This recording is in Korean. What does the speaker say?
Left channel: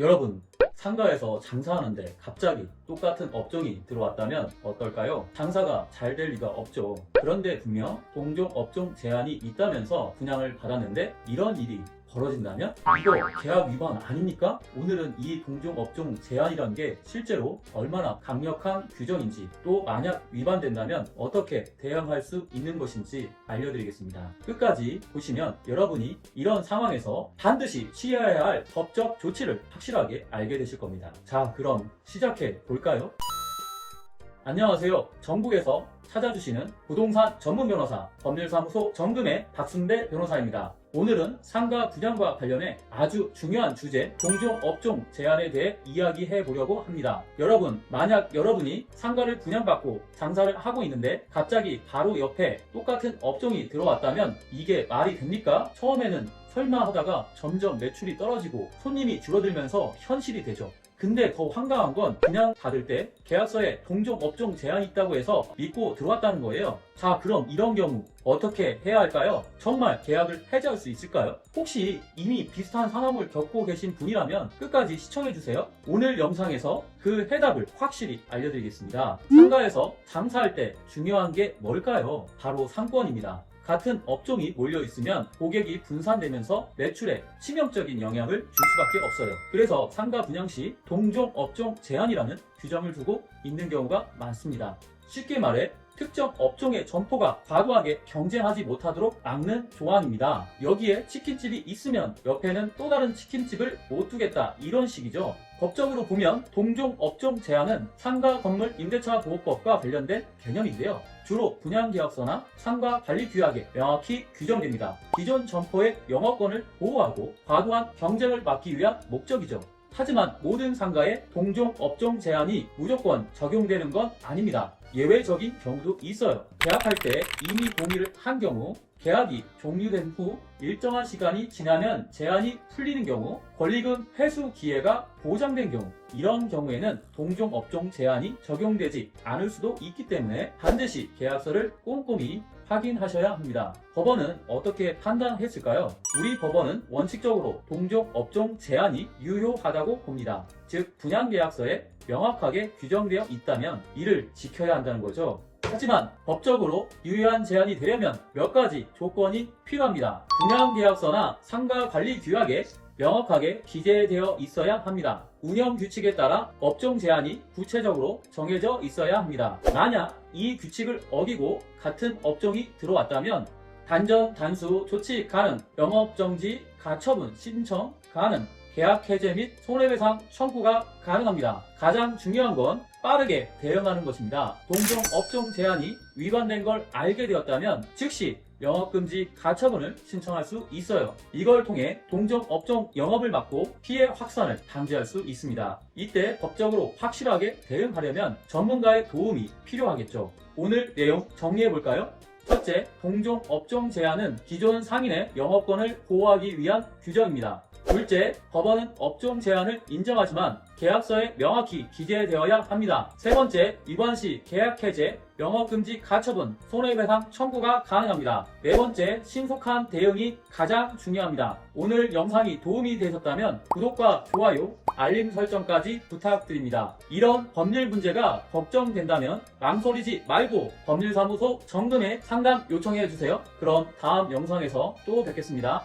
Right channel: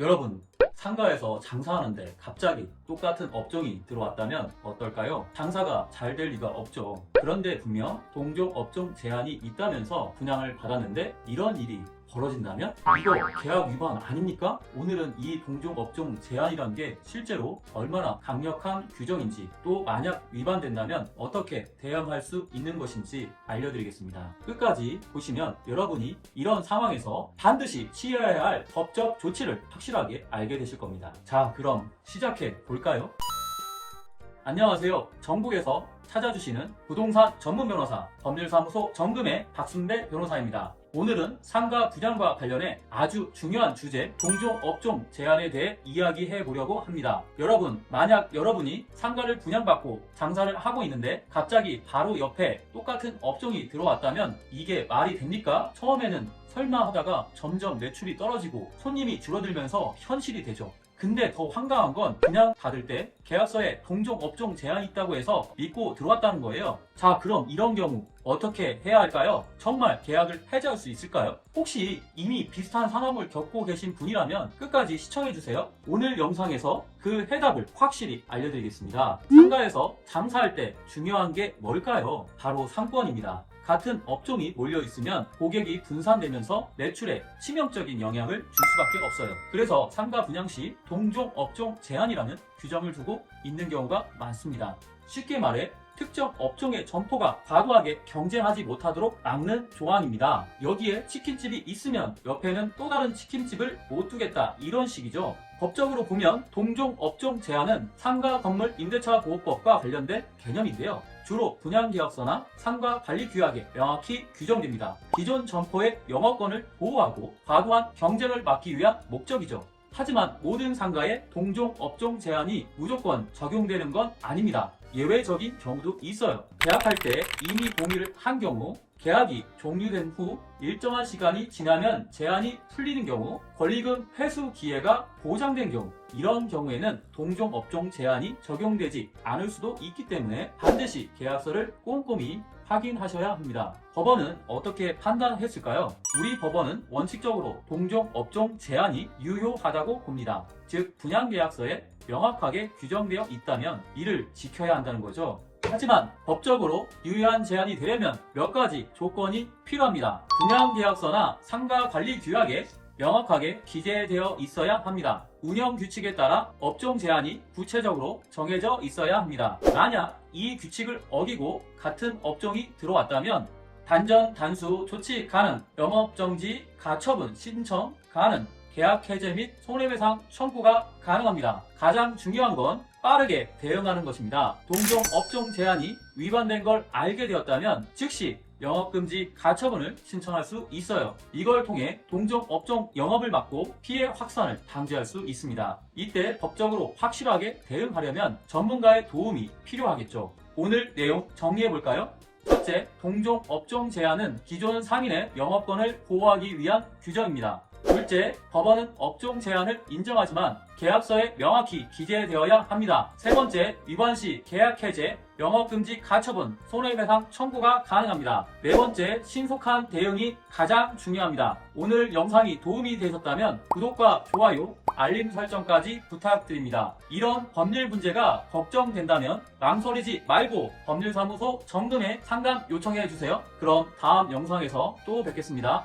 여러분, 상가에서 장사하는데 갑자기 똑같은 업종이 들어왔다면 어떨까요? 장사가 잘 될 리가 없죠. 그런데 분명 동종 업종 제한이 있다면서 분양을 받았는데 이런 일이 벌어진다면 이거 계약 위반 아닙니까? 오늘은 이 동종 업종 제한이란 게 실제로 얼마나 강력한 규정인지, 또 만약 위반된다면 어떻게 대응할 수 있는 것인지 알려드리겠습니다. 끝까지 보시면 여러분이 이런 상황에서 반드시 취해야 할 법적 조치를 확실하게 알게 되실 겁니다. 자, 그럼 시작해 볼까요? 안녕하세요. 전국에서 찾아주시는 부동산 전문 변호사 법률사무소 정금의 박순대 변호사입니다. 오늘은 상가 분양과 관련해 아주 중요한 주제 동종 업종 제한에 대해 이야기해 보려고 합니다. 여러분, 만약 여러분이 상가를 분양받고 장사를 하고 있는데 갑자기 바로 옆에 똑같은 업종이 들어왔다면 이게 말이 됩니까? 처음에는 설마 하다가 점점 매출이 떨어지고 손님이 줄어들면서 현실이 되죠. 근데 더 황당한 건 그냥 받을 때 계약서에 동종 업종 제한이 있다고 해서 믿고 들어왔다는 거예요. 자, 그럼 이런 경우 어떻게 해야 할까요? 정말 계약을 해지할 수 있을까요? 혹시 이미 비슷한 상황을 겪고 계신 분이라면 끝까지 시청해주세요. 오늘 영상에서 그 해답을 확실히 알려드리겠습니다. 상가에서 장사할 때 중요한 게 뭘까요? 바로 상권입니다. 같은 업종이 몰려있으면 고객이 분산되면서 매출에 치명적인 영향을 줄 수밖에 없어요. 그래서 상가 분양 시 동종 업종 제한이라는 규정을 두고 있는 경우가 많습니다. 쉽게 말해 특정 업종의 점포가 과도하게 경쟁하지 못하도록 막는 조항입니다. 여기에 치킨집이 있으면 옆에는 또 다른 치킨집을 못 두겠다, 이런 식이죠. 법적으로 보면 동종 업종 제한은 상가 건물 임대차 보호법과 관련된 개념인데요. 주로 분양계약서나 상가 관리 규약에 명확히 규정됩니다. 기존 점포의 영업권을 보호하고 과도한 경쟁을 막기 위한 목적이죠. 하지만 모든 상가에 동종 업종 제한이 무조건 적용되는 건 아닙니다. 예외적인 경우도 있어요. 계약할 때 이미 동의를 한 경우, 계약이 종료된 후 일정한 시간이 지나면 제한이 풀리는 경우, 권리금 회수 기회가 보장된 경우, 이런 경우에는 동종 업종 제한이 적용되지 않을 수도 있기 때문에 반드시 계약서를 꼼꼼히 확인하셔야 합니다. 법원은 어떻게 판단했을까요? 우리 법원은 원칙적으로 동종 업종 제한이 유효하다고 봅니다. 즉, 분양계약서에 명확하게 규정되어 있다면 이를 지켜야 한다는 거죠. 하지만 법적으로 유효한 제한이 되려면 몇 가지 조건이 필요합니다. 분양계약서나 상가관리 규약에 명확하게 기재되어 있어야 합니다. 운영규칙에 따라 업종 제한이 구체적으로 정해져 있어야 합니다. 만약 이 규칙을 어기고 같은 업종이 들어왔다면 단전 단수 조치 가능, 영업정지 가처분 신청 가능, 계약 해제 및 손해배상 청구가 가능합니다. 가장 중요한 건 빠르게 대응하는 것입니다. 동종 업종 제한이 위반된 걸 알게 되었다면 즉시 영업금지 가처분을 신청할 수 있어요. 이걸 통해 동종 업종 영업을 막고 피해 확산을 방지할 수 있습니다. 이때 법적으로 확실하게 대응하려면 전문가의 도움이 필요하겠죠. 오늘 내용 정리해볼까요? 첫째, 동종 업종 제한은 기존 상인의 영업권을 보호하기 위한 규정입니다. 둘째, 법원은 업종 제한을 인정하지만 계약서에 명확히 기재되어야 합니다. 세 번째, 위반 시 계약 해제, 영업금지 가처분, 손해배상 청구가 가능합니다. 네 번째, 신속한 대응이 가장 중요합니다. 오늘 영상이 도움이 되셨다면 구독과 좋아요, 알림 설정까지 부탁드립니다. 이런 법률 문제가 걱정된다면 망설이지 말고 법률사무소 정금에 상담 요청해주세요. 그럼 다음 영상에서 또 뵙겠습니다.